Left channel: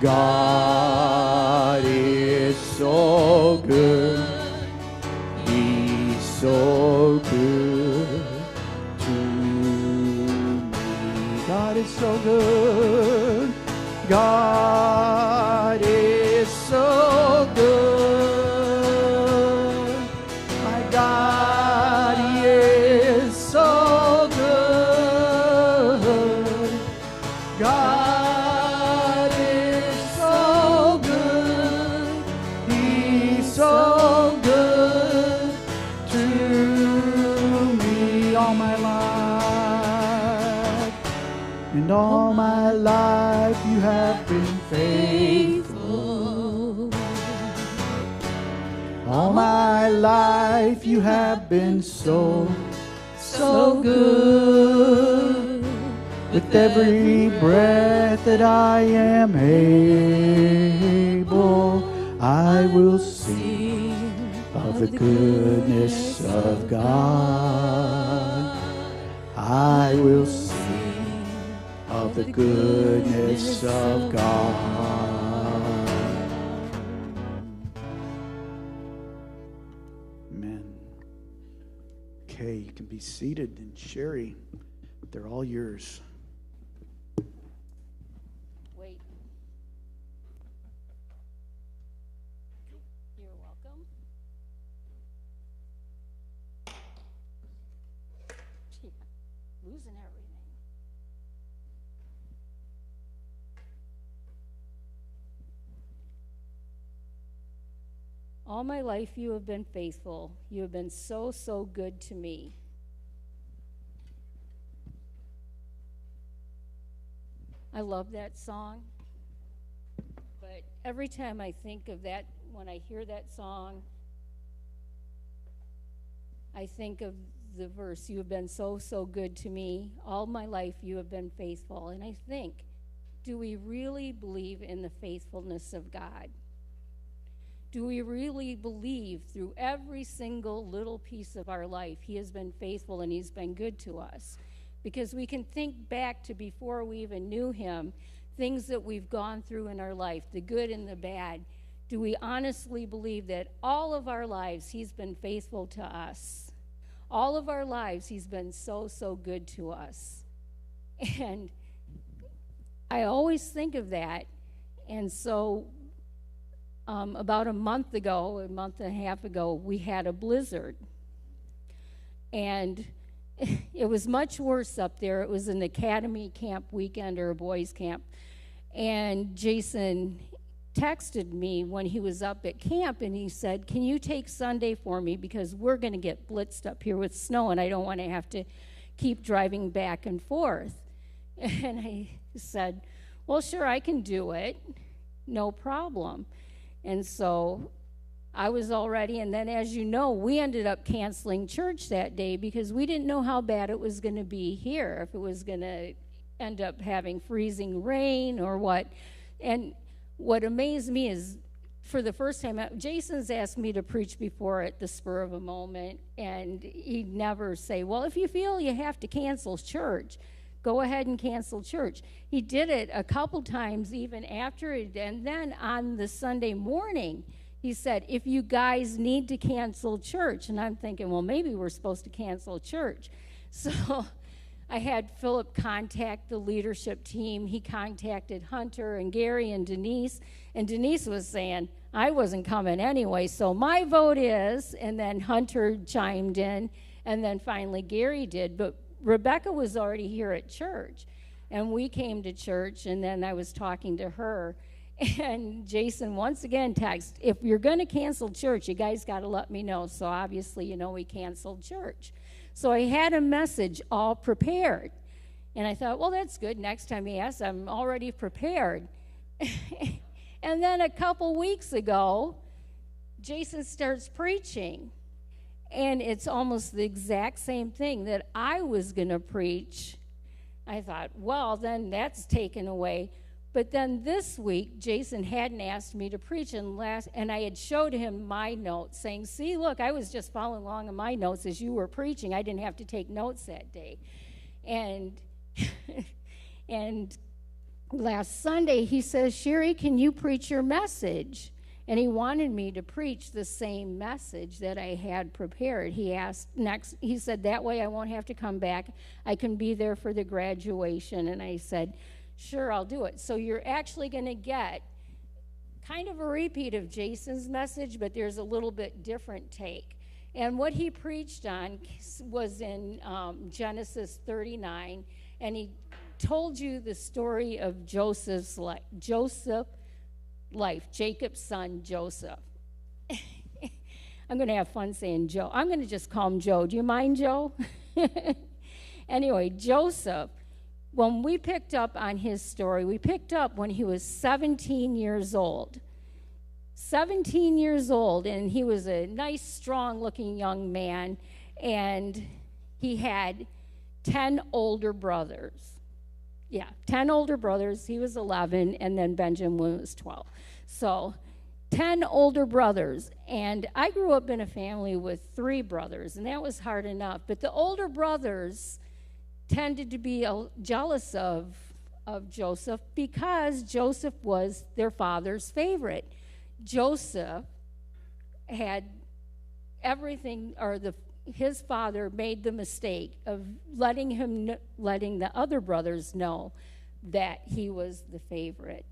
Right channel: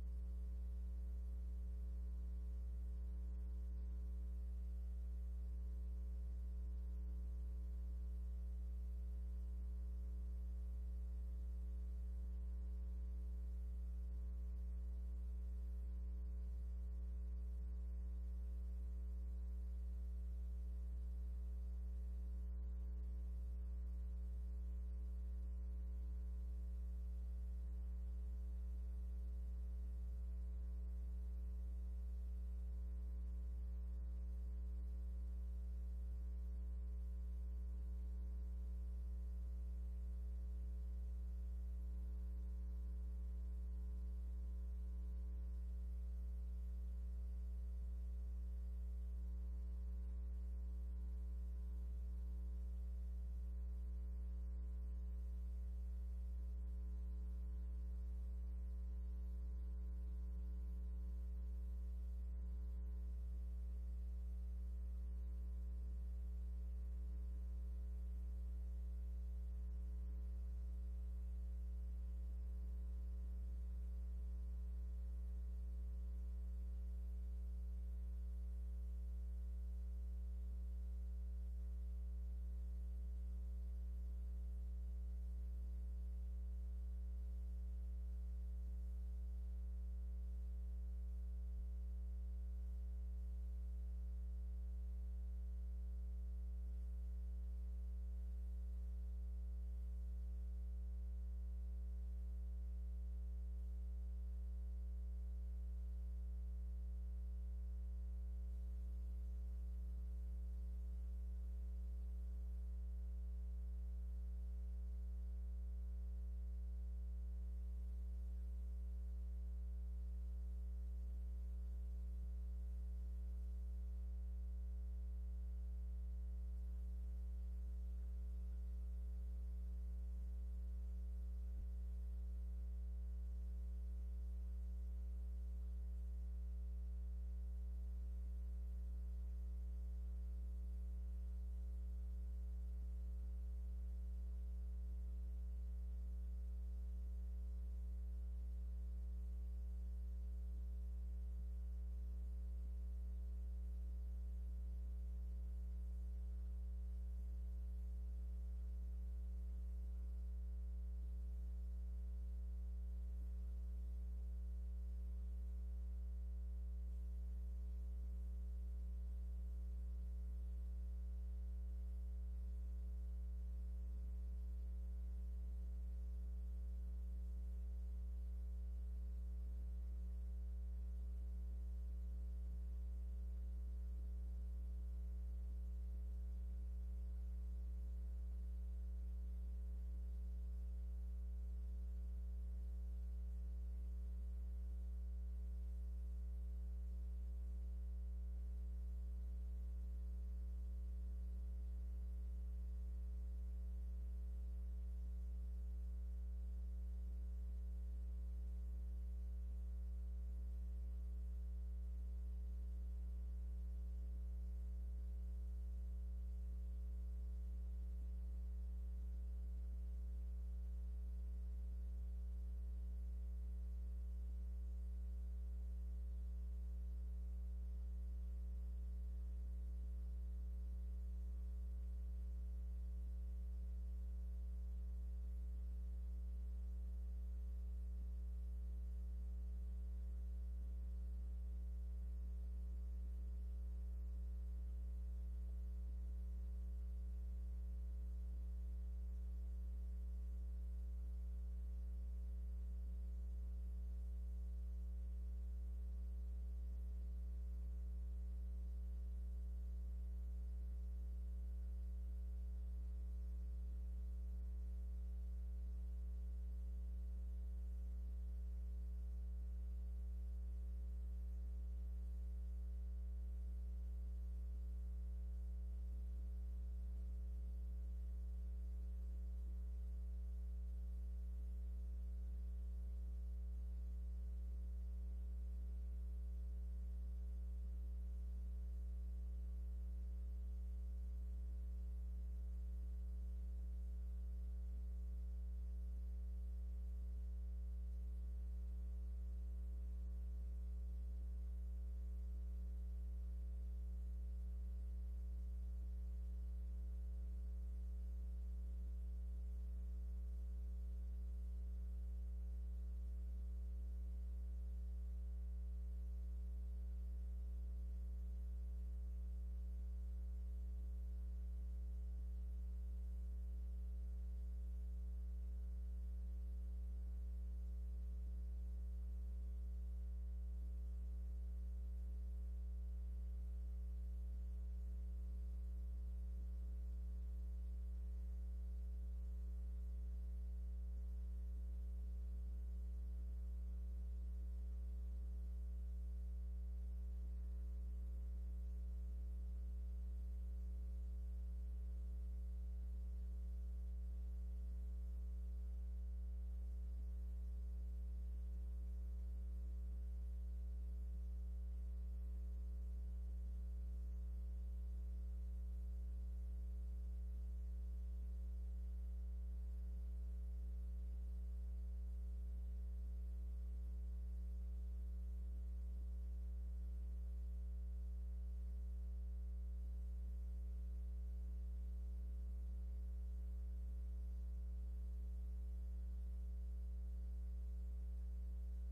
God is so good. He's so good to me. God is so good. God is so good. My God, He is so good. God is so good. He's so good to me all my life. And all my life you have been faithful. All my life you have been so good. With every breath that I am able, I will sing of the goodness of God. I will sing of the goodness of God. Amen. Okay, you can be seated. And Sherry, they're all yours. Wait. You're welcome. Gee, losing everything. All my life you have been faithful. You have been so, so good to me. I love that song. But every time I think of that, when I hear that song, I think of the verse, you have been so, so good to me. All my life you have been faithful. And I think, do we really believe in the faithfulness of God? Do we really believe through every single little piece of our life He has been faithful and He's been good to us? Because we can think back to before we even knew Him, things that we've gone through in our life, the good and the bad. Do we honestly believe that all of our lives He's been faithful to us? All of our lives He's been so, so good to us. And I always think of that. And so about a month and a half ago, we had a blizzard. And it was much worse up there. It was an academy camp weekend or a boys' camp. And Jason texted me when he was up at camp, and he said, can you take Sunday for me, because we're going to get blitzed up here with snow, and I don't want to have to keep driving back and forth. And I said, well, sure, I can do it. No problem. And so I was all ready, and then, as you know, we ended up canceling church that day because we didn't know how bad it was going to be here, if it was going to end up having freezing rain or what. And what amazed me is, for the first time, Jason's asked me to preach before at the spur of a moment, and he'd never say, well, if you feel you have to cancel church, go ahead and cancel church. He did it a couple times even after it, and then on the Sunday morning, he said, if you guys need to cancel church. And I'm thinking, well, maybe we're supposed to cancel church. So I had Philip contact the leadership team. He contacted Hunter and Gary and Denise was saying, I wasn't coming anyway, so my vote is, and then Hunter chimed in, and then finally Gary did. But Rebecca was already here at church, and we came to church, and then I was talking to her, and Jason once again texted, if you're going to cancel church, you guys got to let me know. So obviously, we canceled church. So I had a message all prepared, and I thought, well, that's good. Next time he asks, I'm already prepared. And then a couple weeks ago, Jason starts preaching. And it's almost the exact same thing that I was going to preach. I thought, well, then that's taken away. But then this week, Jason hadn't asked me to preach, and I had showed him my notes, saying, see, look, I was just following along in my notes as you were preaching. I didn't have to take notes that day. And last Sunday, he says, Sherry, can you preach your message? And he wanted me to preach the same message that I had prepared. He said, that way I won't have to come back. I can be there for the graduation. And I said, sure, I'll do it. So you're actually going to get kind of a repeat of Jason's message, but there's a little bit different take. And what he preached on was in Genesis 39, and he told you the story of Joseph's life, Jacob's son Joseph. I'm going to have fun saying Joe. I'm going to just call him Joe. Do you mind, Joe? Anyway, Joseph, when we picked up on his story, we picked up when he was 17 years old. 17 years old, and he was a nice, strong-looking young man, and he had 10 older brothers. Yeah, 10 older brothers. He was 11, and then Benjamin was 12. So 10 older brothers, and I grew up in a family with 3 brothers, and that was hard enough. But the older brothers tended to be jealous of Joseph because Joseph was their father's favorite. Joseph had everything, or his father made the mistake of letting the other brothers know that he was the favorite.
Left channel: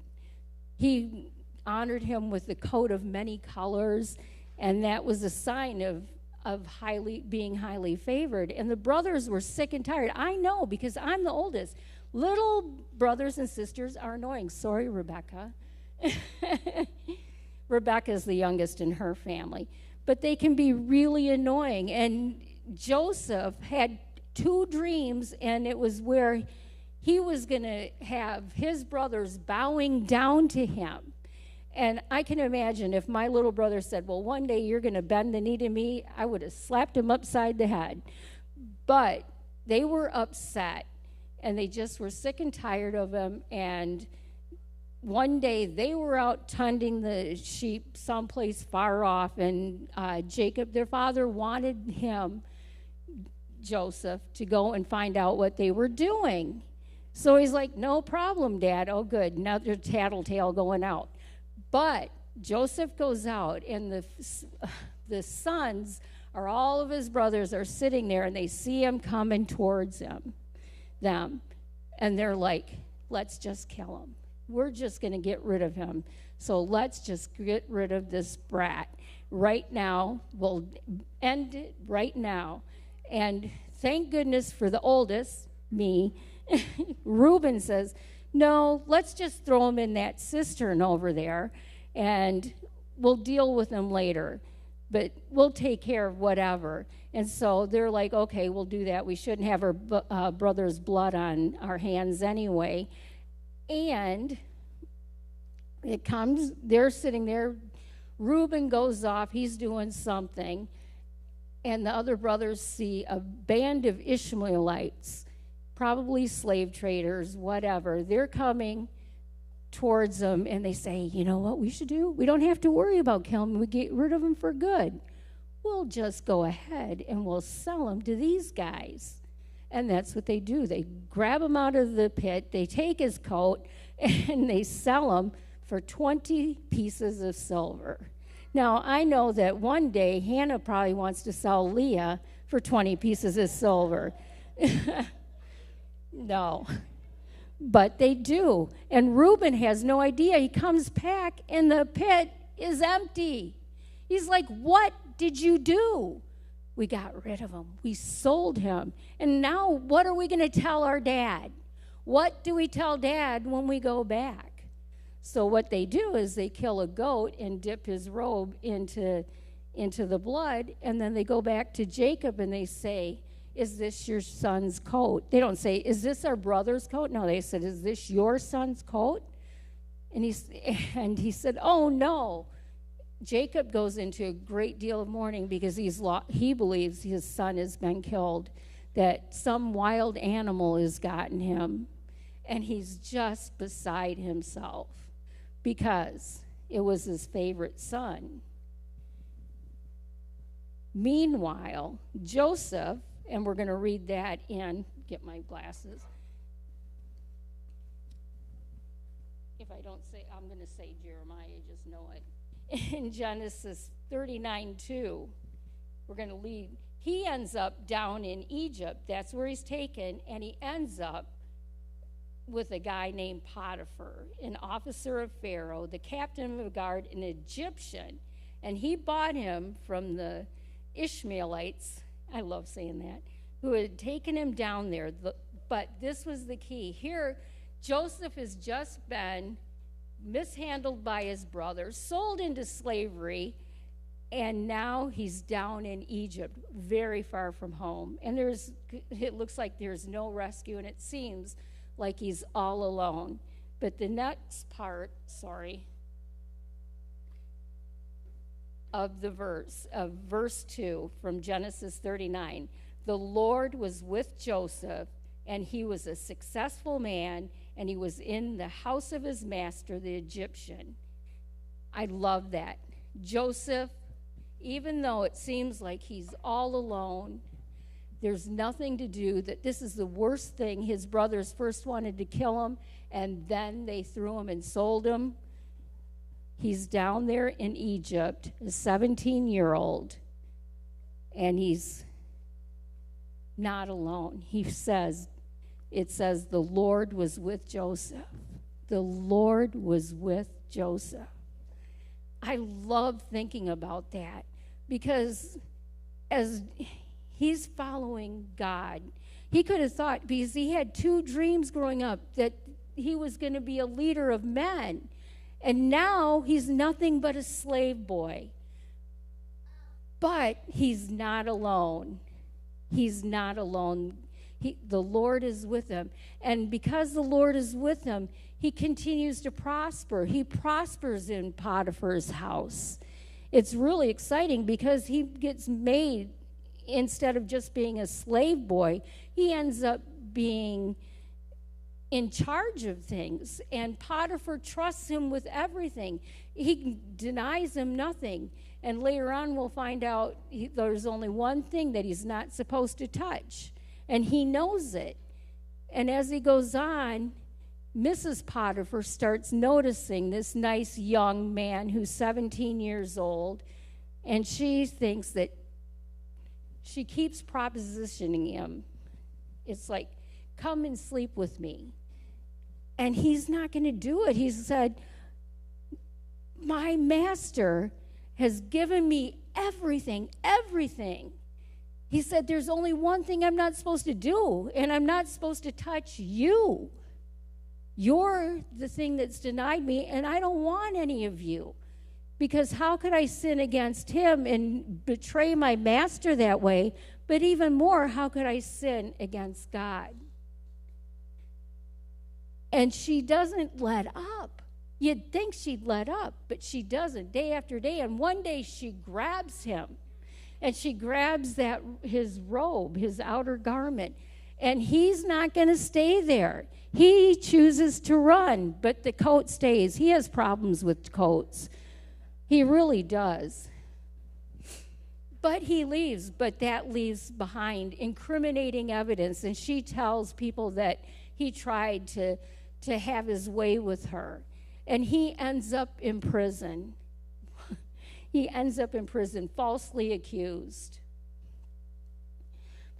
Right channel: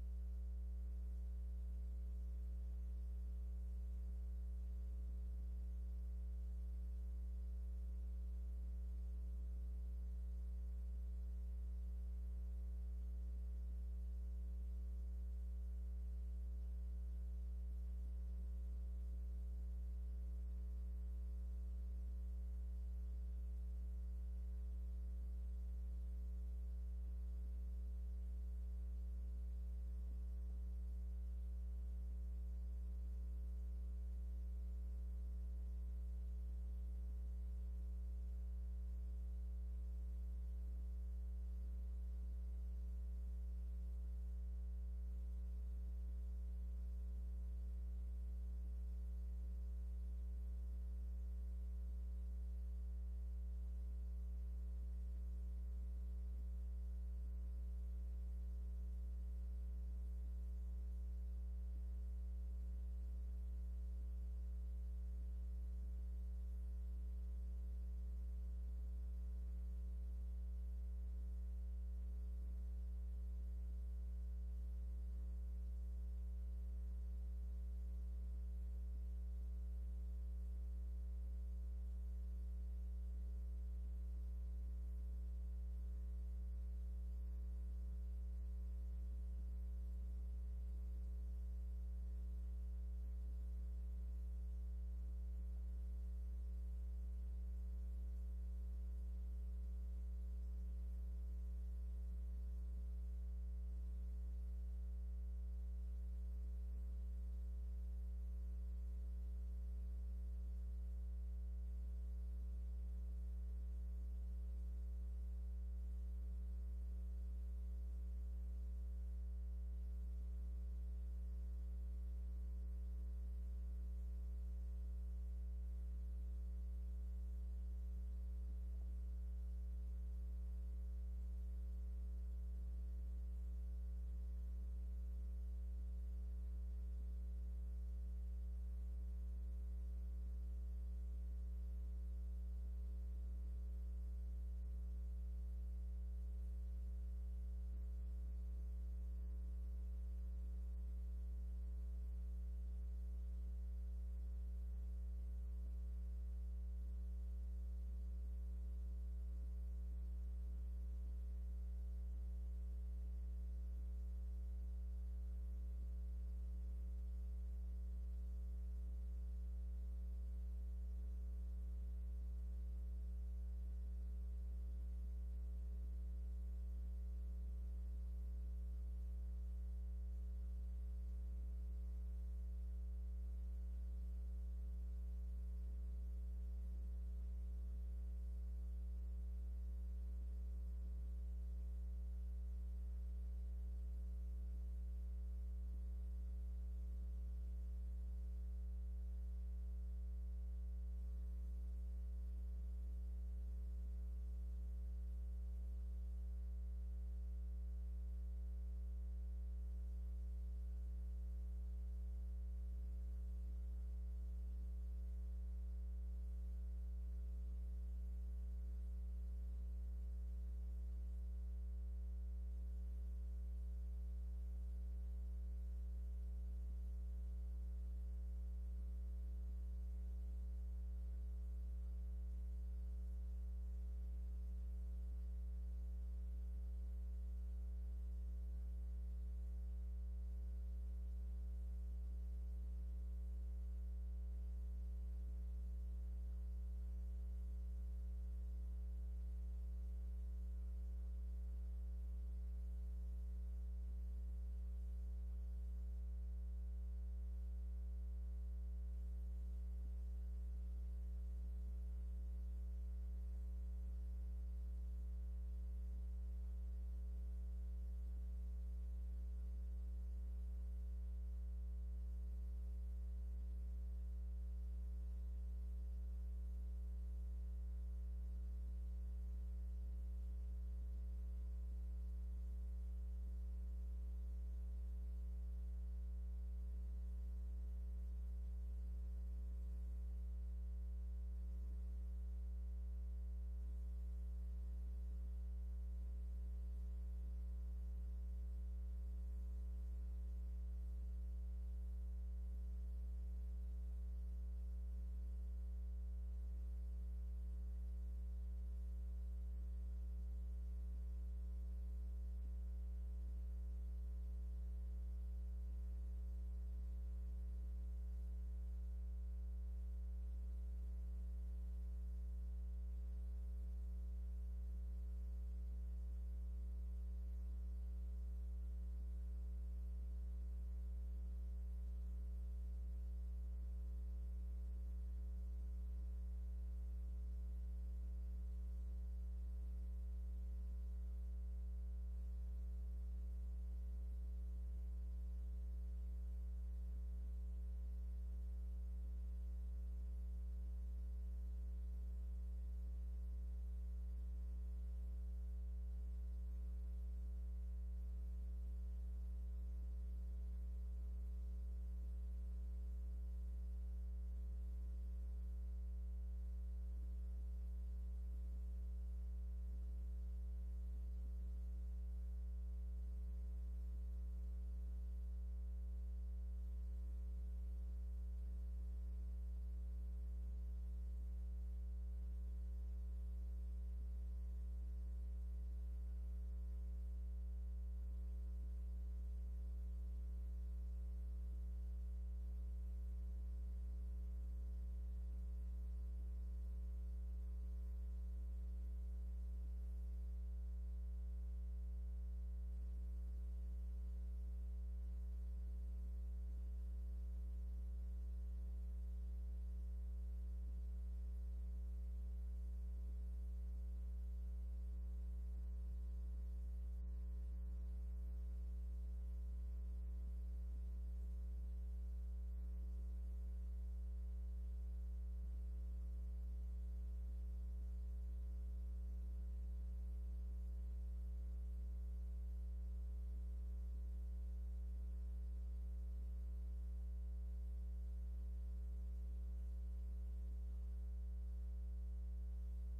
He honored him with the coat of many colors, and that was a sign of being highly favored. And the brothers were sick and tired. I know, because I'm the oldest. Little brothers and sisters are annoying. Sorry, Rebecca. Rebecca's the youngest in her family. But they can be really annoying. And Joseph had 2 dreams, and it was where he was going to have his brothers bowing down to him. And I can imagine if my little brother said, well, one day you're going to bend the knee to me, I would have slapped him upside the head. But they were upset, and they just were sick and tired of him. And one day they were out tending the sheep someplace far off, and Jacob, their father, wanted Joseph, to go and find out what they were doing. So he's like, no problem, Dad. Oh, good, another tattletale going out. But Joseph goes out, and the sons, or all of his brothers, are sitting there, and they see him coming towards them, and they're like, let's just kill him. We're just going to get rid of him. So let's just get rid of this brat right now. We'll end it right now. And thank goodness for the oldest, me. Reuben says, no, let's just throw him in that cistern over there, and we'll deal with him later. But we'll take care of whatever. And so they're like, okay, we'll do that. We shouldn't have our brother's blood on our hands anyway. And it comes, they're sitting there. Reuben goes off. He's doing something. And the other brothers see a band of Ishmaelites, probably slave traders, whatever. They're coming towards them, and they say, you know what we should do? We don't have to worry about killing them. We get rid of them for good. We'll just go ahead and we'll sell them to these guys. And that's what they do. They grab him out of the pit, they take his coat, and they sell him for 20 pieces of silver. Now, I know that one day Hannah probably wants to sell Leah for 20 pieces of silver. No. But they do. And Reuben has no idea. He comes back, and the pit is empty. He's like, what did you do? We got rid of him. We sold him. And now what are we going to tell our dad? What do we tell Dad when we go back? So what they do is they kill a goat and dip his robe into the blood, and then they go back to Jacob and they say, is this your son's coat? They don't say, is this our brother's coat? No, they said, is this your son's coat? And he said, oh, no. Jacob goes into a great deal of mourning because he believes his son has been killed, that some wild animal has gotten him, and he's just beside himself because it was his favorite son. Meanwhile, Joseph, and we're going to read that in, get my glasses. I'm going to say Jeremiah, just know it. In Genesis 39:2, we're going to lead. He ends up down in Egypt. That's where he's taken, and he ends up with a guy named Potiphar, an officer of Pharaoh, the captain of the guard, an Egyptian, and he bought him from the Ishmaelites, I love saying that, who had taken him down there. But this was the key. Here, Joseph has just been mishandled by his brothers, sold into slavery, and now he's down in Egypt, very far from home. And it looks like there's no rescue, and it seems like he's all alone. But the next part, of verse 2 from Genesis 39, the Lord was with Joseph, and he was a successful man, and he was in the house of his master, the Egyptian. I love that. Joseph, even though it seems like he's all alone, there's nothing to do, that this is the worst thing. His brothers first wanted to kill him, and then they threw him and sold him. He's down there in Egypt, a 17-year-old, and he's not alone. It says the Lord was with Joseph. The Lord was with Joseph. I love thinking about that, because as he's following God, he could have thought, because he had 2 dreams growing up, that he was going to be a leader of men. And now he's nothing but a slave boy. But he's not alone. He's not alone. The Lord is with him. And because the Lord is with him, he continues to prosper. He prospers in Potiphar's house. It's really exciting, because he gets made, instead of just being a slave boy, he ends up being in charge of things, and Potiphar trusts him with everything. He denies him nothing, and later on we'll find out there's only one thing that he's not supposed to touch, and he knows it. And as he goes on, Mrs. Potiphar starts noticing this nice young man who's 17 years old, and she thinks that she keeps propositioning him. It's like, come and sleep with me. And he's not going to do it. He said, my master has given me everything. He said, there's only one thing I'm not supposed to do, and I'm not supposed to touch you. You're the thing that's denied me, and I don't want any of you. Because how could I sin against him and betray my master that way? But even more, how could I sin against God? And she doesn't let up. You'd think she'd let up, but she doesn't, day after day. And one day she grabs him, and she grabs his robe, his outer garment, and he's not going to stay there. He chooses to run, but the coat stays. He has problems with coats. He really does. But he leaves, but that leaves behind incriminating evidence, and she tells people that he tried to have his way with her. And he ends up in prison. He ends up in prison, falsely accused.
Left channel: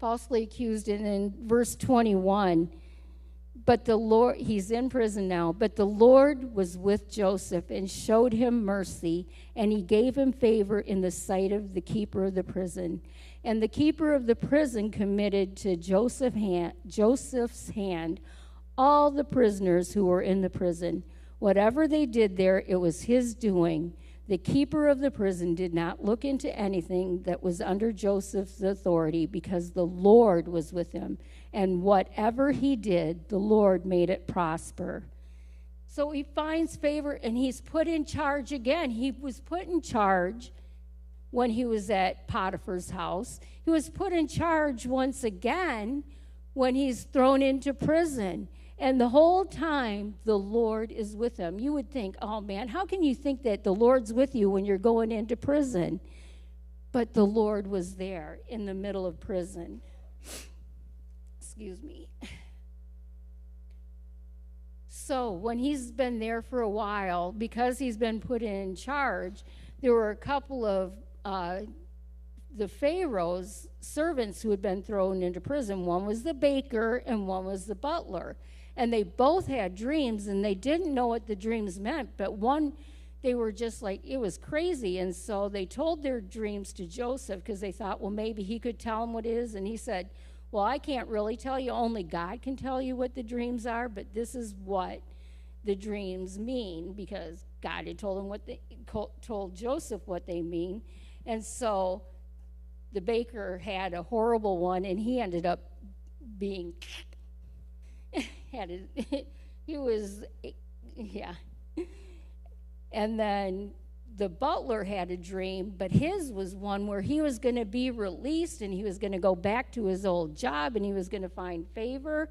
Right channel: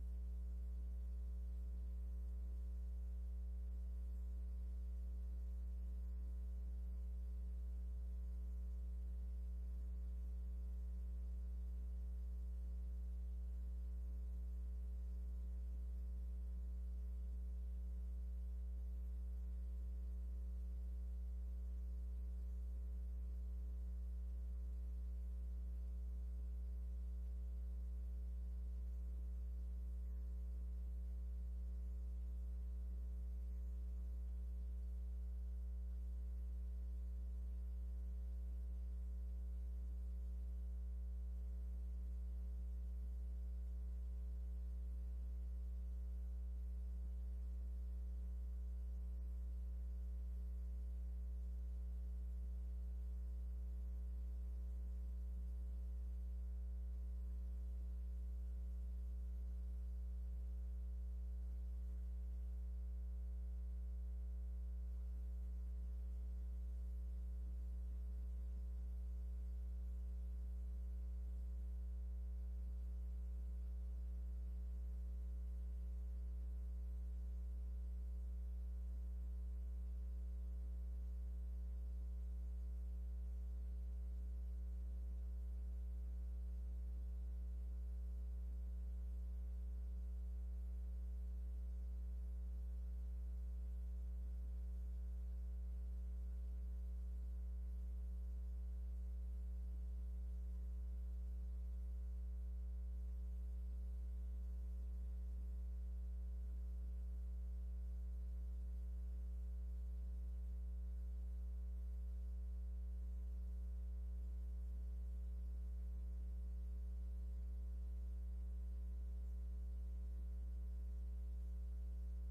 Falsely accused, and in verse 21, but the Lord, he's in prison now, but the Lord was with Joseph and showed him mercy, and he gave him favor in the sight of the keeper of the prison. And the keeper of the prison committed to Joseph's hand all the prisoners who were in the prison. Whatever they did there, it was his doing. The keeper of the prison did not look into anything that was under Joseph's authority, because the Lord was with him. And whatever he did, the Lord made it prosper. So he finds favor, and he's put in charge again. He was put in charge when he was at Potiphar's house. He was put in charge once again when he's thrown into prison. And the whole time, the Lord is with him. You would think, oh man, how can you think that the Lord's with you when you're going into prison? But the Lord was there in the middle of prison. Excuse me. So when he's been there for a while, because he's been put in charge, there were a couple of the Pharaoh's servants who had been thrown into prison. One was the baker and one was the butler. And they both had dreams, and they didn't know what the dreams meant, but one, they were just like, it was crazy. And so they told their dreams to Joseph because they thought, well, maybe he could tell them what it is. And he said, well, I can't really tell you. Only God can tell you what the dreams are, but this is what the dreams mean, because God had told him told Joseph what they mean. And so the baker had a horrible one, and he ended up being he was, yeah. And then the butler had a dream, but his was one where he was going to be released, and he was going to go back to his old job, and he was going to find favor.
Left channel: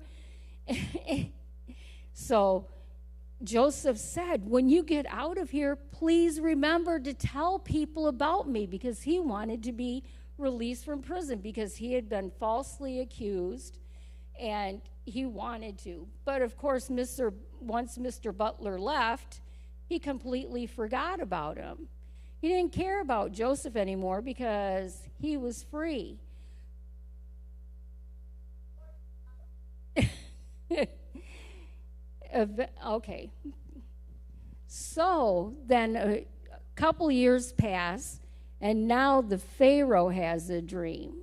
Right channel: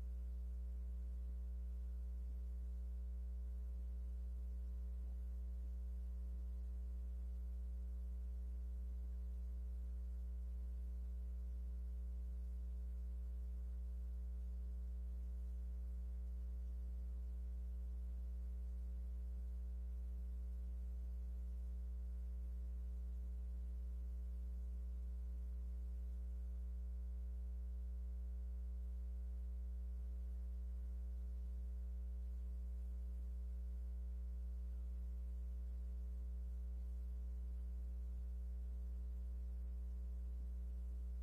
So Joseph said, when you get out of here, please remember to tell people about me, because he wanted to be released from prison because he had been falsely accused, and he wanted to. But of course, once Mr. Butler left, he completely forgot about him. He didn't care about Joseph anymore because he was free. Okay. So then a couple years pass, and now the Pharaoh has a dream.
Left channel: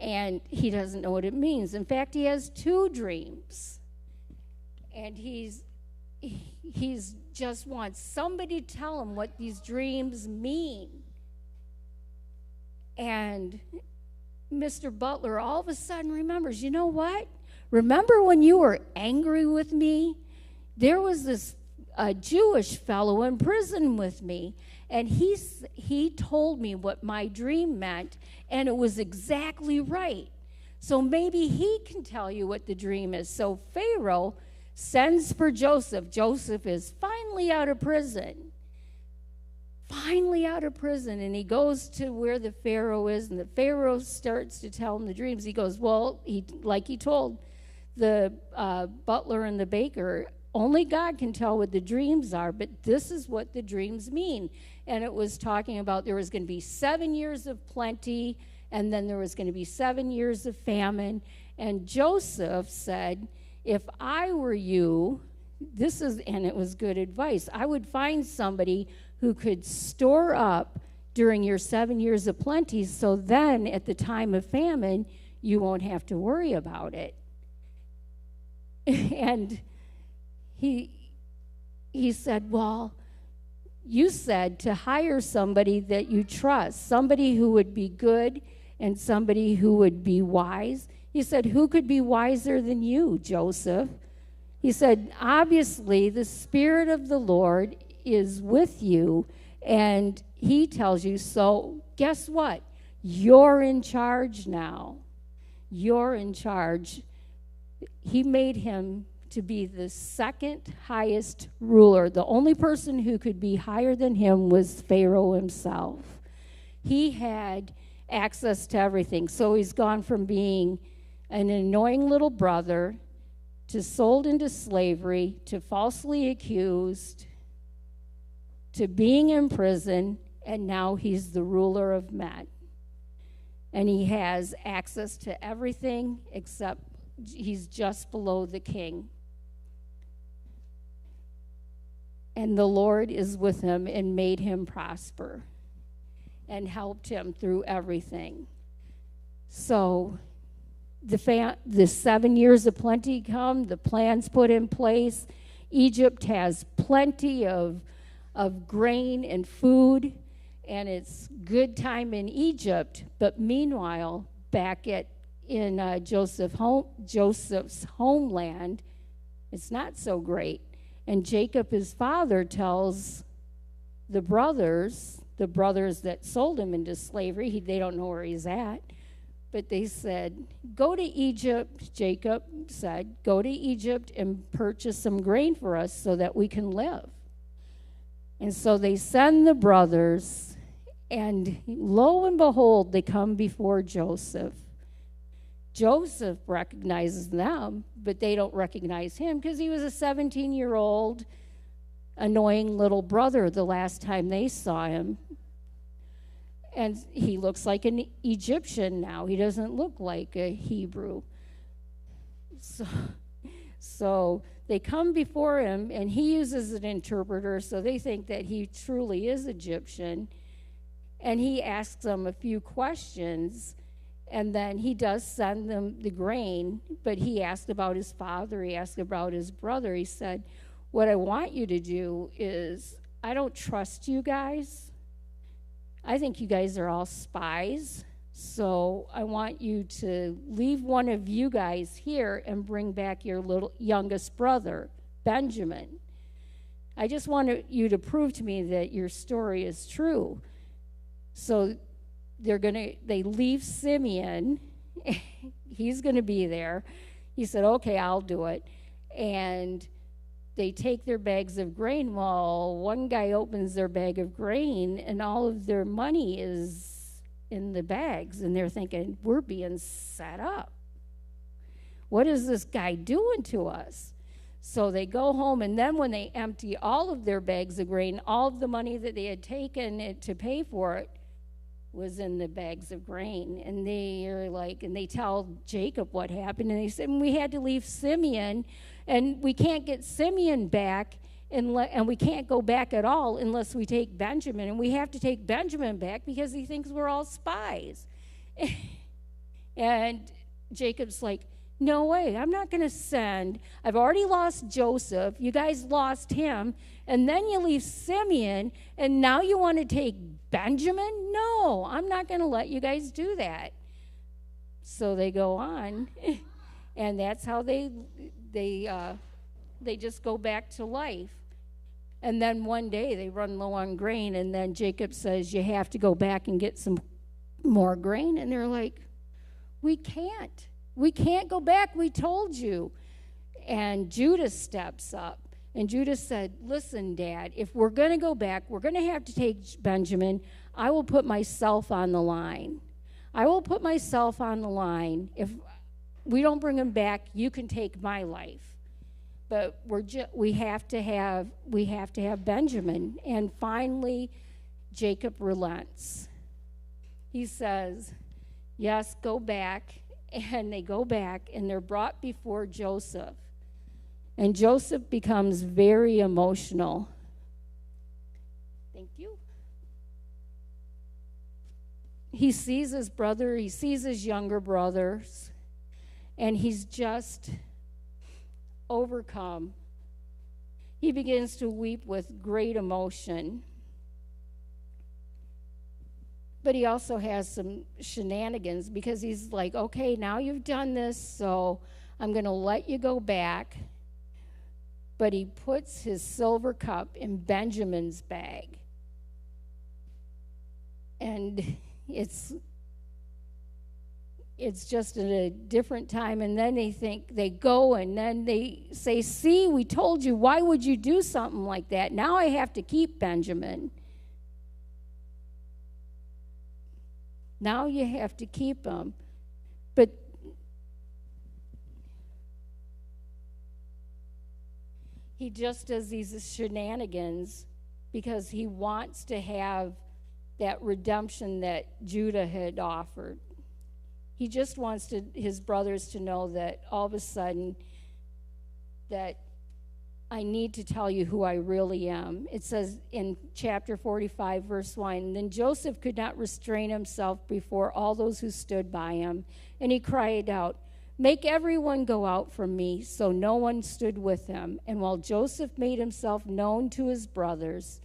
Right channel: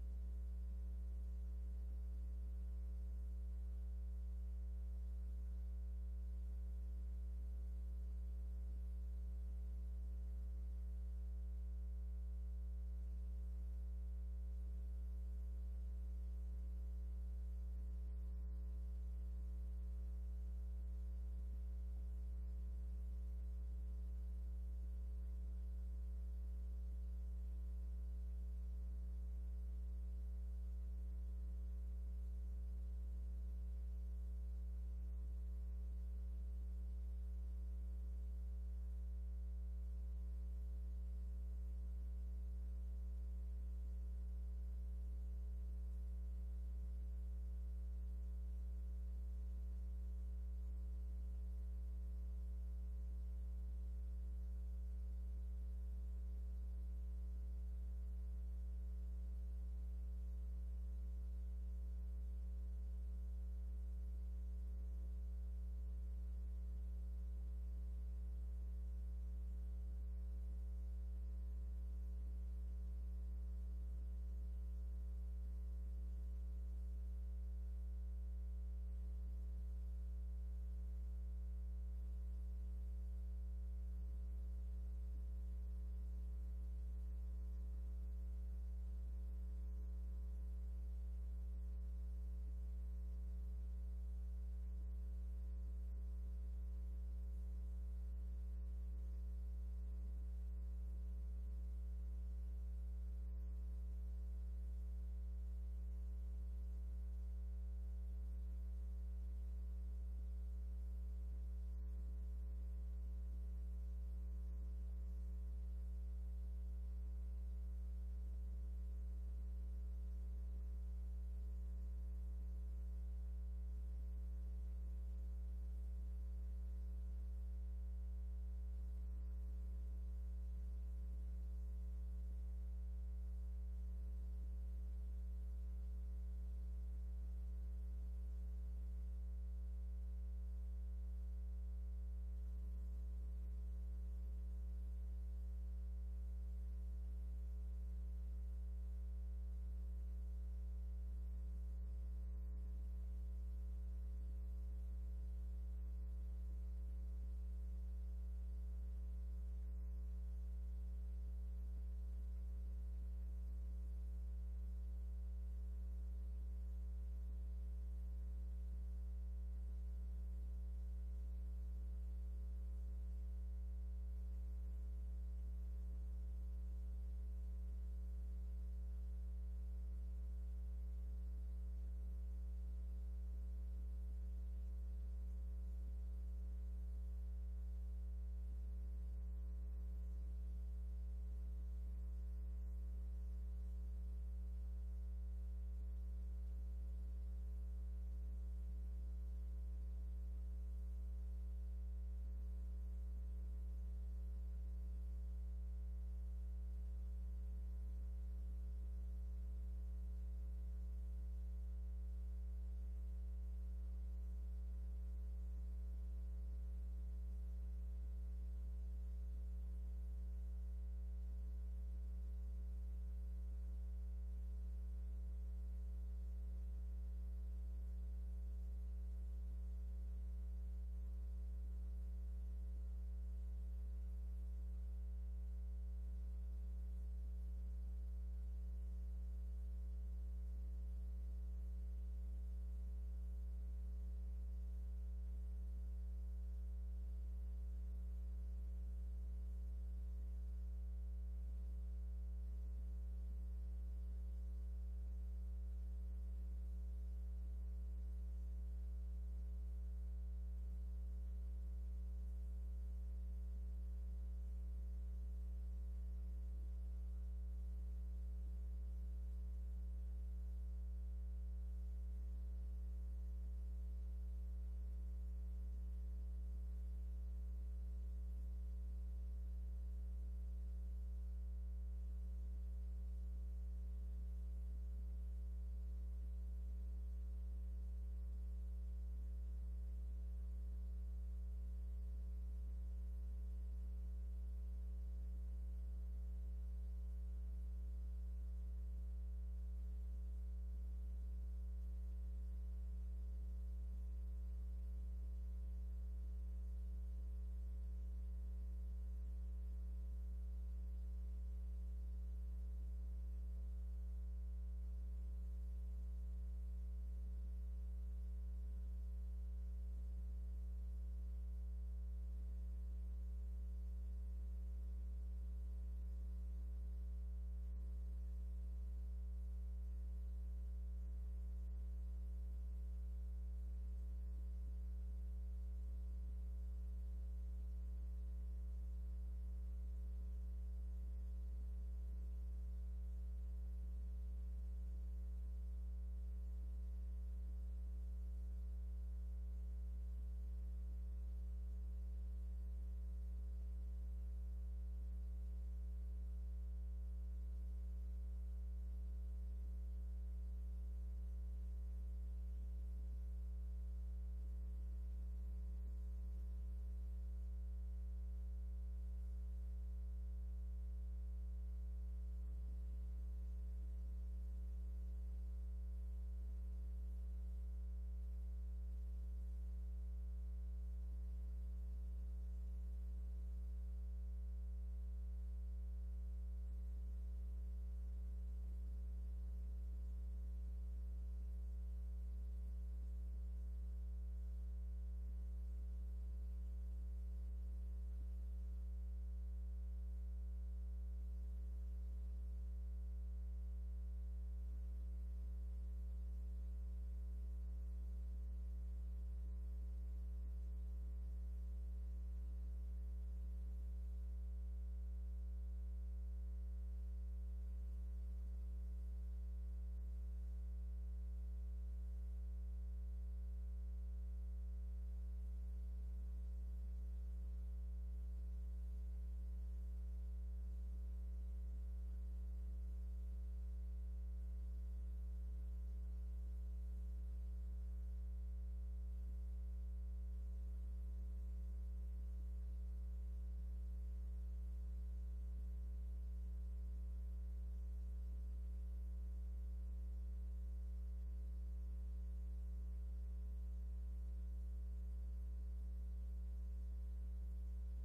And he doesn't know what it means. In fact, he has two dreams. And he's just wants somebody to tell him what these dreams mean. And Mr. Butler all of a sudden remembers, you know what? Remember when you were angry with me? There was this Jewish fellow in prison with me, and he told me what my dream meant, and it was exactly right. So maybe he can tell you what the dream is. So Pharaoh sends for Joseph. Joseph is finally out of prison. And he goes to where the Pharaoh is, and the Pharaoh starts to tell him the dreams. He goes, well, he told the butler and the baker, only God can tell what the dreams are, but this is what the dreams mean. And it was talking about there was going to be 7 years of plenty, and then there was going to be 7 years of famine. And Joseph said, if I were you, and it was good advice, I would find somebody who could store up during your 7 years of plenty, so then at the time of famine, you won't have to worry about it. And he said, well, you said to hire somebody that you trust, somebody who would be good and somebody who would be wise. He said, who could be wiser than you, Joseph? He said, obviously, the Spirit of the Lord is with you, and he tells you, so guess what? You're in charge now. You're in charge. He made him to be the second highest ruler. The only person who could be higher than him was Pharaoh himself. He had access to everything. So he's gone from being an annoying little brother to sold into slavery to falsely accused to being in prison, and now he's the ruler of men. And he has access to everything except he's just below the king. And the Lord is with him and made him prosper and helped him through everything. So the 7 years of plenty come, the plan's put in place. Egypt has plenty of grain and food, and it's good time in Egypt. But meanwhile, back in Joseph's homeland, it's not so great. And Jacob, his father, tells the brothers that sold him into slavery, they don't know where he's at, but they said, go to Egypt. Jacob said, go to Egypt and purchase some grain for us so that we can live. And so they send the brothers, and lo and behold, they come before Joseph. Joseph recognizes them, but they don't recognize him because he was a 17-year-old annoying little brother the last time they saw him. And he looks like an Egyptian now. He doesn't look like a Hebrew. So they come before him, and he uses an interpreter, so they think that he truly is Egyptian. And he asks them a few questions, and then he does send them the grain, but he asked about his father, he asked about his brother. He said, what I want you to do is, I don't trust you guys. I think you guys are all spies. So I want you to leave one of you guys here and bring back your youngest brother, Benjamin. I just want you to prove to me that your story is true. So they leave Simeon. He's going to be there. He said, okay, I'll do it. And they take their bags of grain. Well, one guy opens their bag of grain, and all of their money is in the bags, and they're thinking, we're being set up. What is this guy doing to us? So they go home, and then when they empty all of their bags of grain, all of the money that they had taken to pay for it was in the bags of grain. And they tell Jacob what happened, and they said, we had to leave Simeon, and we can't get Simeon back, and we can't go back at all unless we take Benjamin, and we have to take Benjamin back because he thinks we're all spies. And Jacob's like, no way, I'm not going to send. I've already lost Joseph. You guys lost him, and then you leave Simeon, and now you want to take Benjamin? No, I'm not going to let you guys do that. So they go on, and that's how they just go back to life. And then one day they run low on grain, and then Jacob says, you have to go back and get some more grain. And they're like, we can't go back, we told you. And Judah steps up, and Judah said, listen, Dad, if we're going to go back, we're going to have to take Benjamin. I will put myself on the line. If we don't bring him back, you can take my life. But we have to have Benjamin. And finally, Jacob relents. He says, yes, go back. And they go back, and they're brought before Joseph. And Joseph becomes very emotional. Thank you. He sees his brother, he sees his younger brothers, and he's just overcome. He begins to weep with great emotion. But he also has some shenanigans because he's like, okay, now you've done this, so I'm going to let you go back. But he puts his silver cup in Benjamin's bag. And it's just at a different time. And then they go and then they say, see, we told you, why would you do something like that? Now I have to keep Benjamin. Now you have to keep him. But he just does these shenanigans because he wants to have that redemption that Judah had offered. He just wants his brothers to know that all of a sudden that I need to tell you who I really am. It says in chapter 45, verse 1, then Joseph could not restrain himself before all those who stood by him, and he cried out, make everyone go out from me. So no one stood with him. And while Joseph made himself known to his brothers,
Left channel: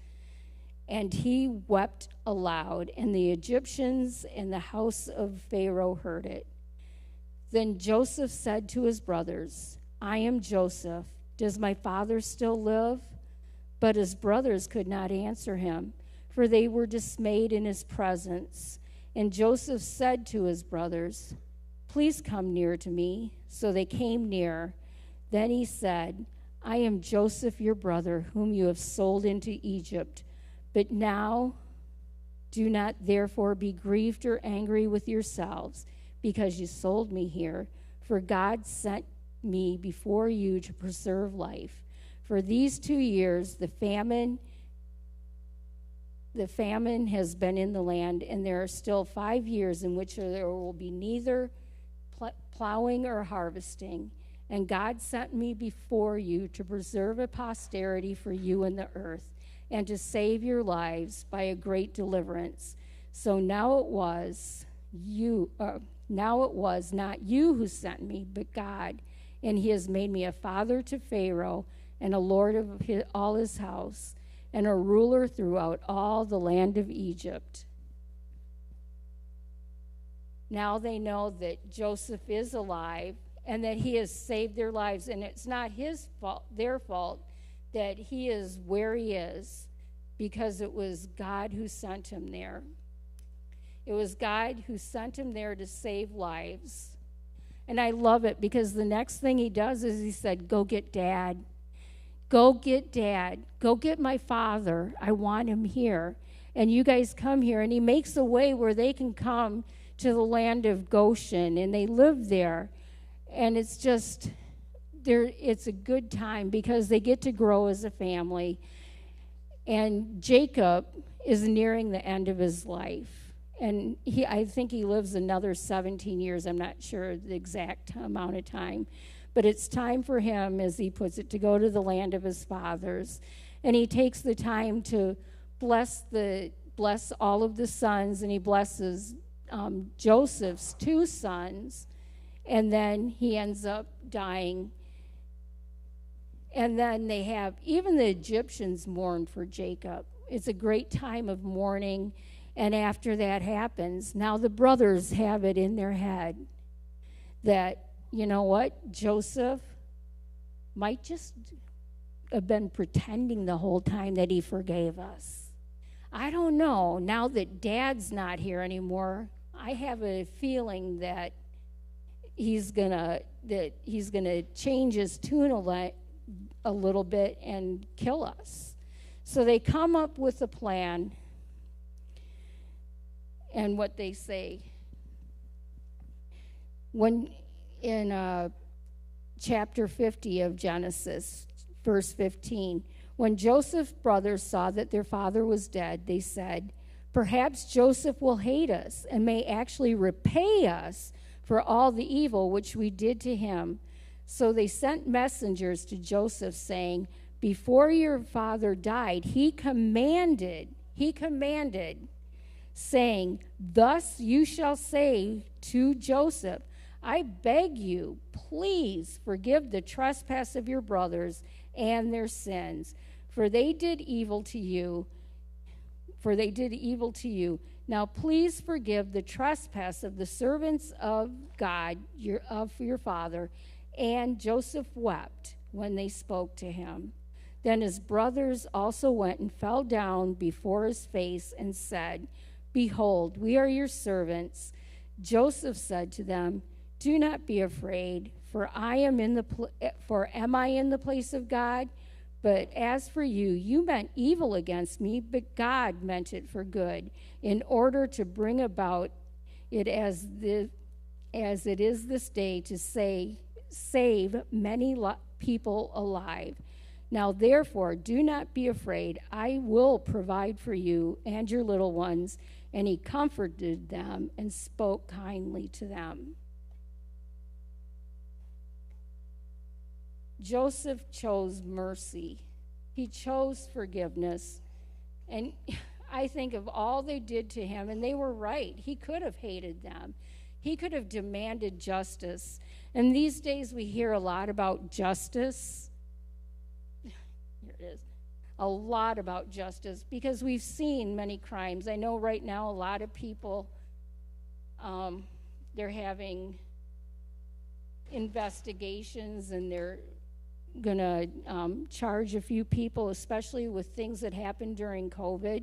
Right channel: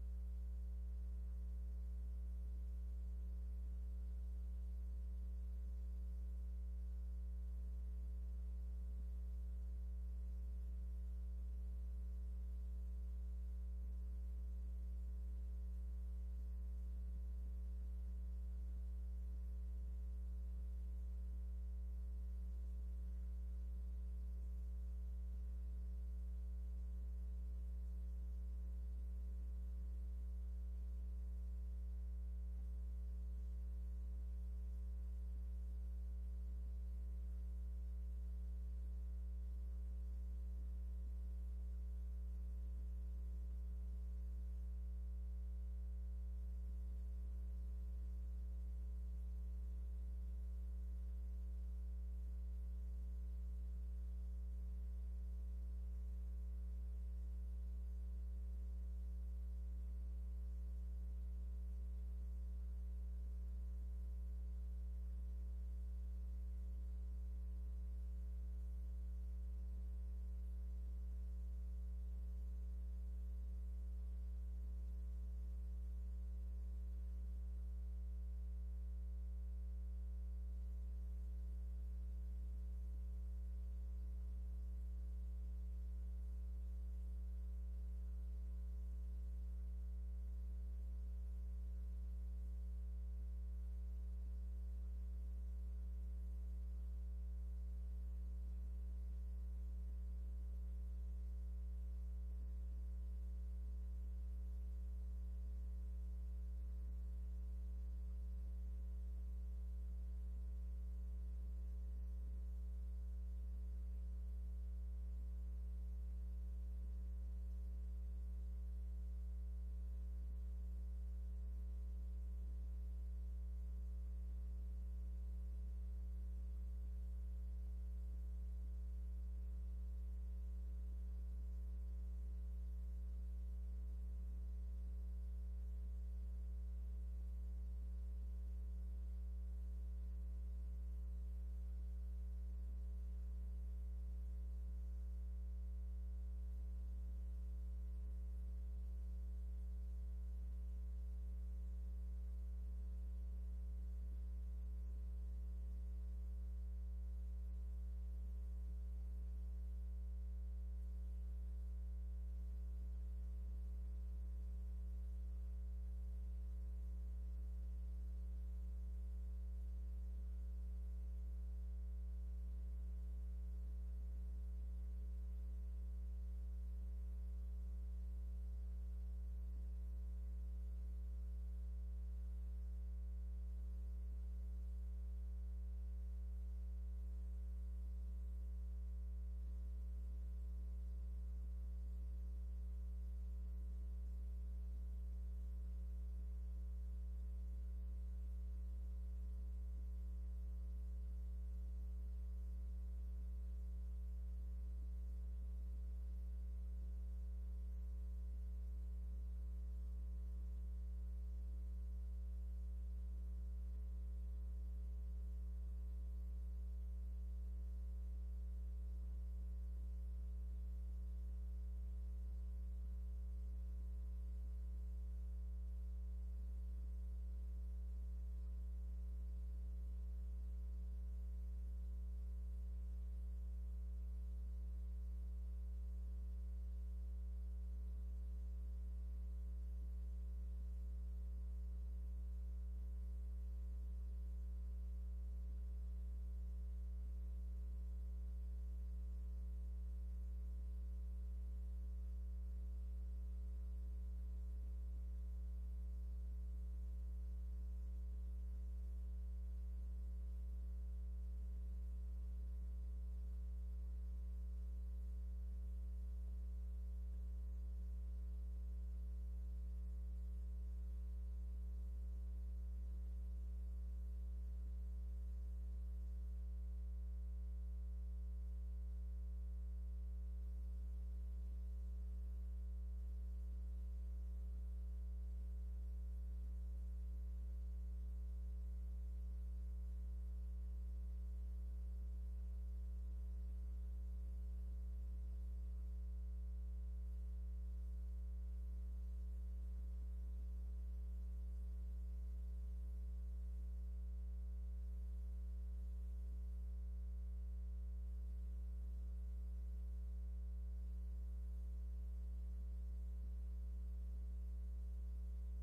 and he wept aloud, and the Egyptians in the house of Pharaoh heard it. Then Joseph said to his brothers, I am Joseph. Does my father still live? But his brothers could not answer him, for they were dismayed in his presence. And Joseph said to his brothers, please come near to me. So they came near. Then he said, I am Joseph, your brother, whom you have sold into Egypt. But now do not therefore be grieved or angry with yourselves, because you sold me here, for God sent me before you to preserve life. For these 2 years, the famine has been in the land, and there are still 5 years in which there will be neither plowing or harvesting. And God sent me before you to preserve a posterity for you in the earth, and to save your lives by a great deliverance. So now it was not you who sent me, but God, and he has made me a father to Pharaoh, and a lord of all his house, and a ruler throughout all the land of Egypt. Now they know that Joseph is alive and that he has saved their lives, and it's not their fault that he is where he is, because it was God who sent him there. It was God who sent him there to save lives. And I love it, because the next thing he does is he said, go get Dad. Go get Dad. Go get my father. I want him here. And you guys come here. And he makes a way where they can come to the land of Goshen, and they live there. And it's just, it's a good time, because they get to grow as a family. And Jacob is nearing the end of his life. And I think he lives another 17 years. I'm not sure the exact amount of time. But it's time for him, as he puts it, to go to the land of his fathers. And he takes the time to bless all of the sons, and he blesses Joseph's 2 sons. And then he ends up dying. And then even the Egyptians mourn for Jacob. It's a great time of mourning. And after that happens, now the brothers have it in their head that, you know what, Joseph might just have been pretending the whole time that he forgave us. I don't know. Now that Dad's not here anymore, I have a feeling that he's gonna change his tune a little bit and kill us. So they come up with a plan. And what they say, when in chapter 50 of Genesis, verse 15, when Joseph's brothers saw that their father was dead, they said, perhaps Joseph will hate us and may actually repay us for all the evil which we did to him. So they sent messengers to Joseph, saying, before your father died, he commanded, saying, thus you shall say to Joseph, I beg you, please forgive the trespass of your brothers and their sins, for they did evil to you. Now please forgive the trespass of the servants of God, your father. And Joseph wept when they spoke to him. Then his brothers also went and fell down before his face and said, behold, we are your servants. Joseph said to them, do not be afraid, for am I in the place of God? But as for you, you meant evil against me, but God meant it for good, in order to bring about it as it is this day, to save many people alive. Now therefore, do not be afraid. I will provide for you and your little ones. And he comforted them and spoke kindly to them. Joseph chose mercy. He chose forgiveness. And I think of all they did to him, and they were right. He could have hated them. He could have demanded justice. And these days we hear a lot about justice. Here it is. A lot about justice, because we've seen many crimes. I know right now a lot of people, they're having investigations, and they're going to charge a few people, especially with things that happened during COVID,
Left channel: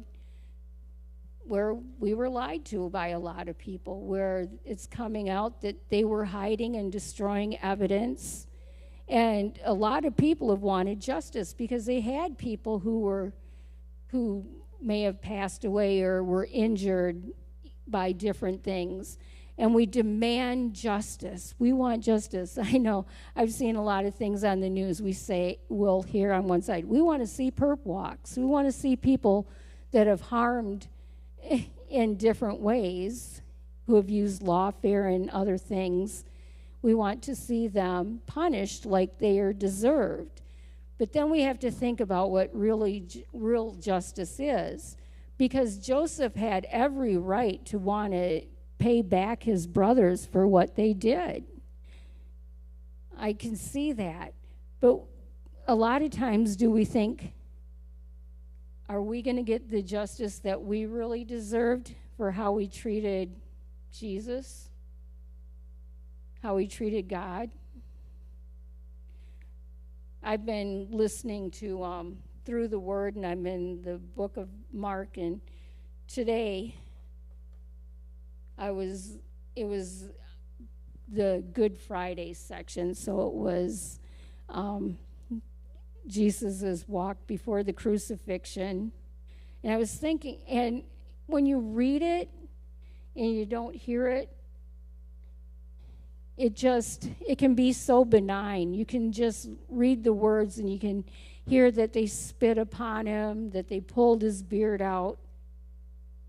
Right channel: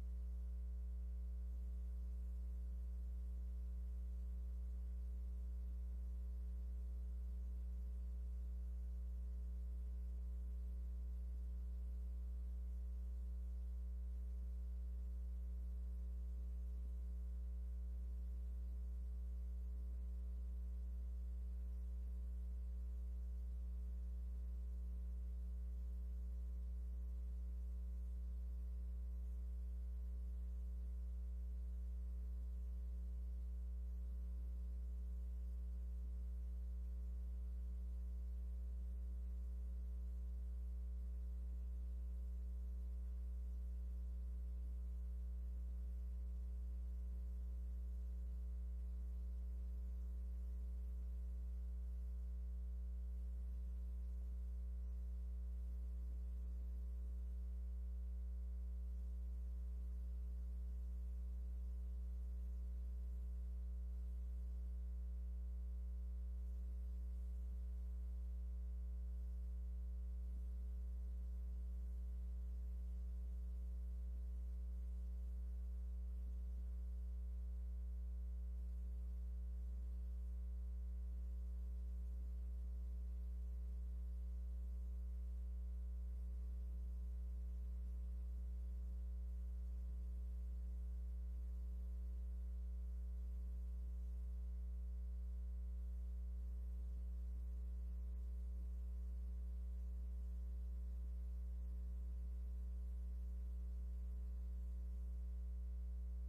where we were lied to by a lot of people, where it's coming out that they were hiding and destroying evidence. And a lot of people have wanted justice, because they had people who may have passed away or were injured by different things. and we demand justice. We want justice. I know I've seen a lot of things on the news. We'll hear on one side, we want to see perp walks. We want to see people that have harmed in different ways, who have used lawfare and other things. We want to see them punished like they are deserved. But then we have to think about what real justice is, because Joseph had every right to want to pay back his brothers for what they did. I can see that. But a lot of times do we think, are we going to get the justice that we really deserved for how we treated Jesus? How we treated God? I've been listening to Through the Word, and I'm in the book of Mark, and today it was the Good Friday section, so it was Jesus' walk before the crucifixion. And I was thinking, and when you read it and you don't hear it, it can be so benign. You can just read the words and you can hear that they spit upon him, that they pulled his beard out,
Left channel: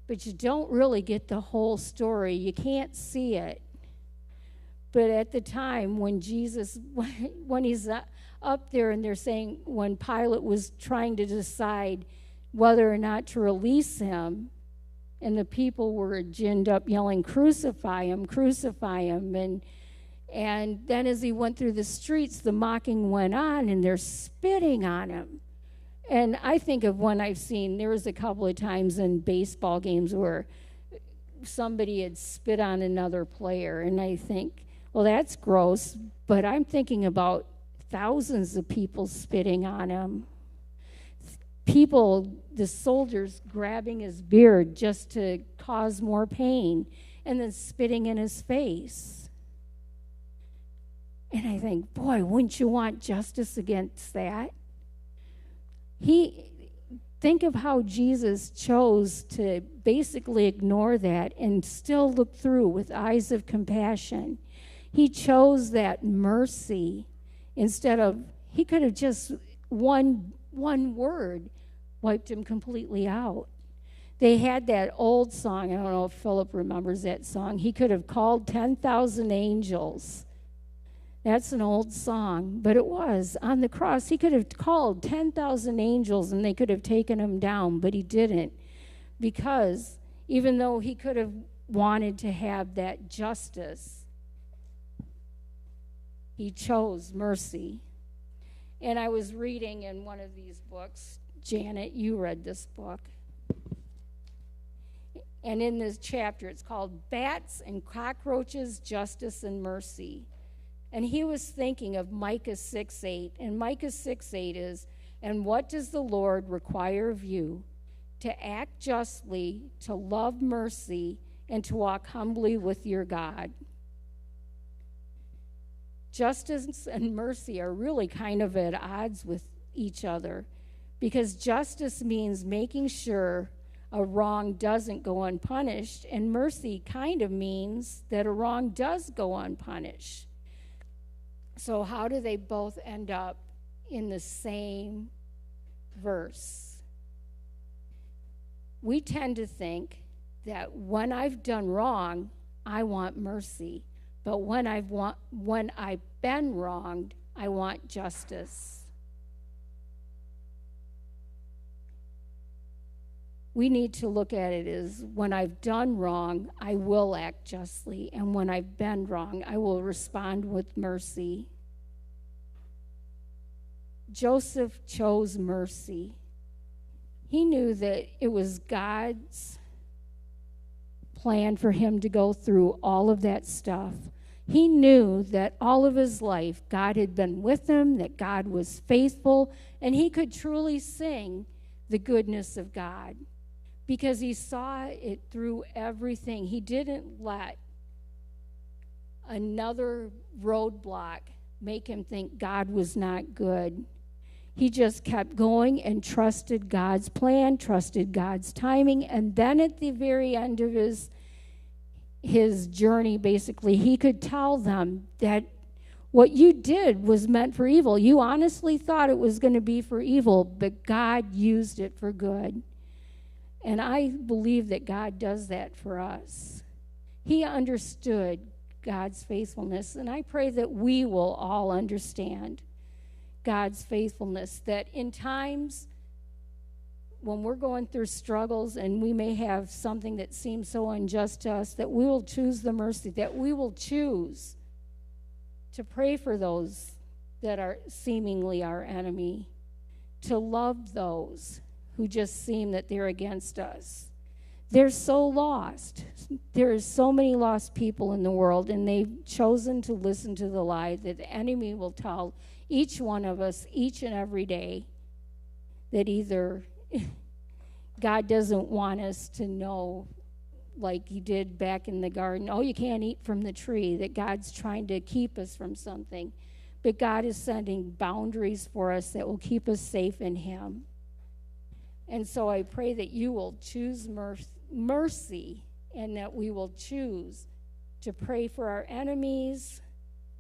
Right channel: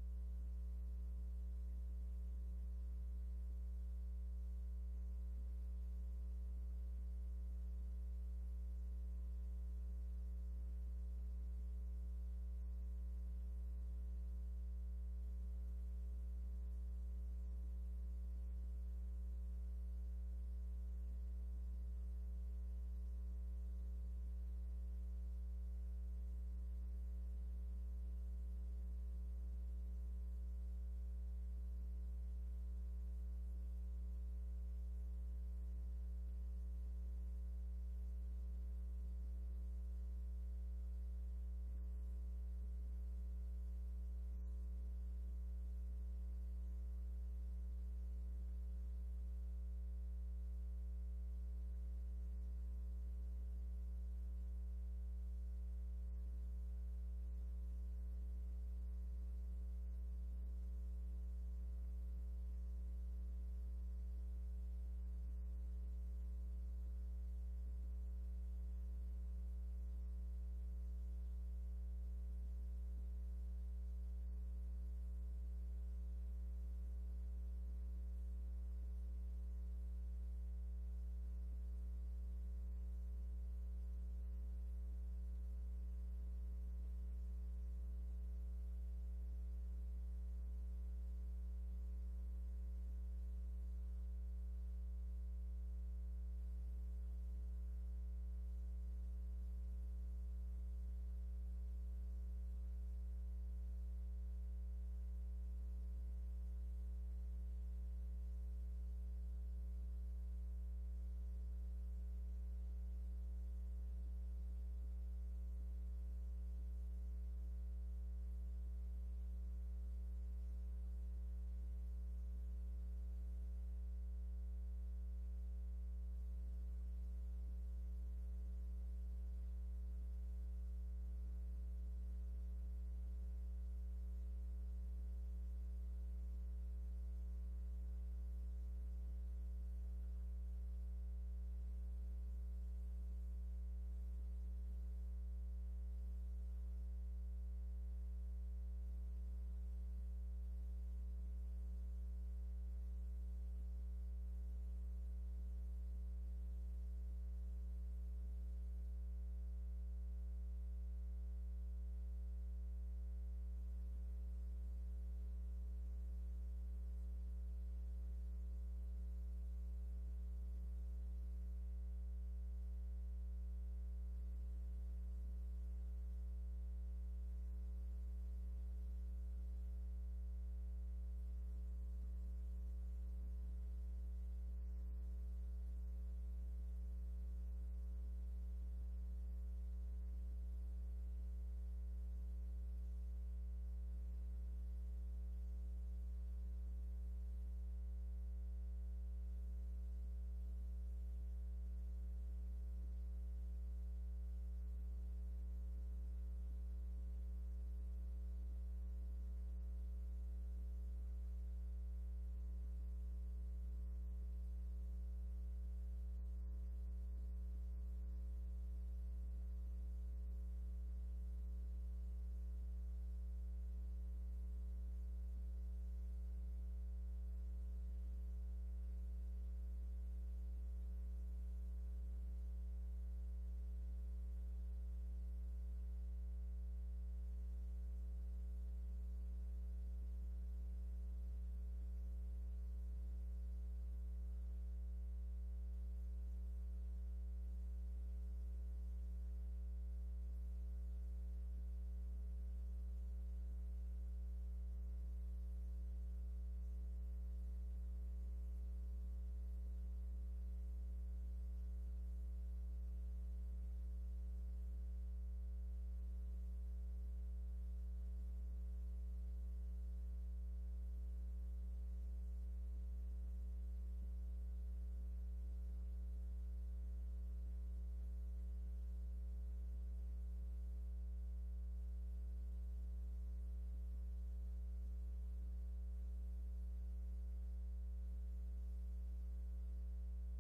but you don't really get the whole story. You can't see it. But at the time when Jesus, when he's up there and they're saying, when Pilate was trying to decide whether or not to release him, and the people were ginned up yelling, crucify him, and then as he went through the streets, the mocking went on, and they're spitting on him. And I think of one I've seen, there was a couple of times in baseball games where somebody had spit on another player, and I think, well, that's gross, but I'm thinking about thousands of people spitting on him. People, the soldiers grabbing his beard just to cause more pain, and then spitting in his face. And I think, boy, wouldn't you want justice against that? Think of how Jesus chose to basically ignore that and still look through with eyes of compassion. He chose that mercy instead of, he could have just one word wiped him completely out. They had that old song, I don't know if Philip remembers that song. He could have called 10,000 angels. That's an old song, but it was. On the cross, he could have called 10,000 angels and they could have taken him down, but he didn't, because even though he could have wanted to have that justice, he chose mercy. And I was reading in one of these books, Janet, you read this book, and in this chapter, it's called Bats and Cockroaches, Justice and Mercy. And he was thinking of Micah 6:8, and Micah 6:8 is, and what does the Lord require of you? To act justly, to love mercy, and to walk humbly with your God. Justice and mercy are really kind of at odds with each other, because justice means making sure a wrong doesn't go unpunished, and mercy kind of means that a wrong does go unpunished. So how do they both end up in the same verse? We tend to think that when I've done wrong, I want mercy. But when I've been wronged, I want justice. We need to look at it as, when I've done wrong, I will act justly. And when I've been wrong, I will respond with mercy. Joseph chose mercy. He knew that it was God's plan for him to go through all of that stuff. He knew that all of his life, God had been with him, that God was faithful, and he could truly sing the goodness of God, because he saw it through everything. He didn't let another roadblock make him think God was not good. He just kept going and trusted God's plan, trusted God's timing, and then at the very end of his journey, basically, he could tell them that what you did was meant for evil. You honestly thought it was going to be for evil, but God used it for good. And I believe that God does that for us. He understood God's faithfulness, and I pray that we will all understand God's faithfulness, that in times when we're going through struggles and we may have something that seems so unjust to us, that we will choose the mercy, that we will choose to pray for those that are seemingly our enemy, to love those who just seem that they're against us. They're so lost. There are so many lost people in the world, and they've chosen to listen to the lie that the enemy will tell each one of us each and every day, that either God doesn't want us to know, like he did back in the garden, oh, you can't eat from the tree, that God's trying to keep us from something. But God is sending boundaries for us that will keep us safe in him. And so I pray that you will choose mercy, and that we will choose to pray for our enemies,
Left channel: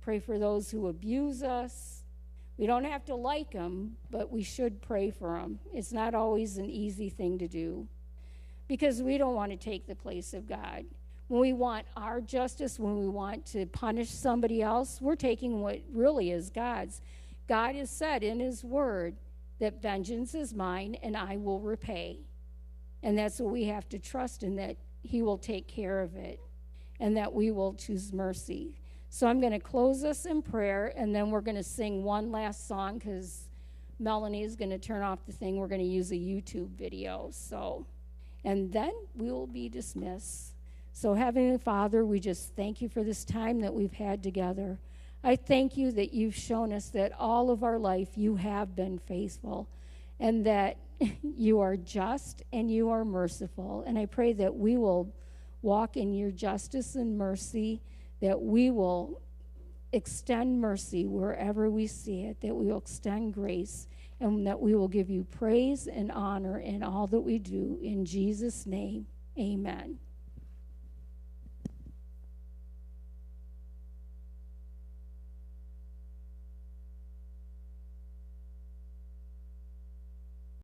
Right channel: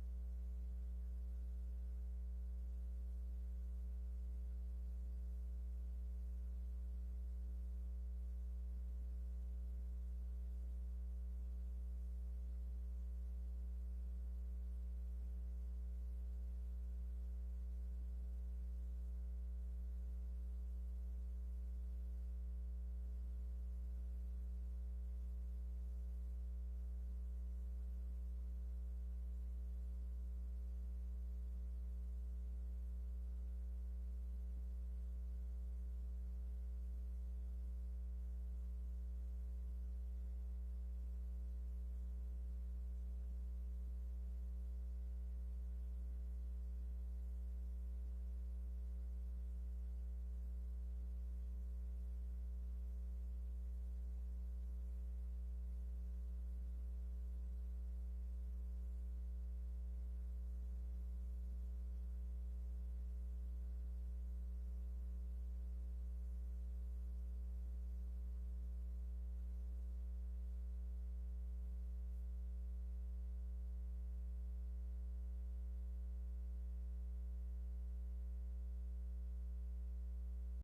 pray for those who abuse us. We don't have to like them, but we should pray for them. It's not always an easy thing to do, because we don't want to take the place of God. When we want our justice, when we want to punish somebody else, we're taking what really is God's. God has said in his word that vengeance is mine and I will repay. And that's what we have to trust in, that he will take care of it, and that we will choose mercy. So I'm going to close us in prayer, and then we're going to sing one last song, because Melanie is going to turn off the thing. We're going to use a YouTube video. And then we will be dismissed. So Heavenly Father, we just thank you for this time that we've had together. I thank you that you've shown us that all of our life you have been faithful, and that you are just and you are merciful. And I pray that we will walk in your justice and mercy, that we will extend mercy wherever we see it, that we will extend grace, and that we will give you praise and honor in all that we do. In Jesus' name, amen.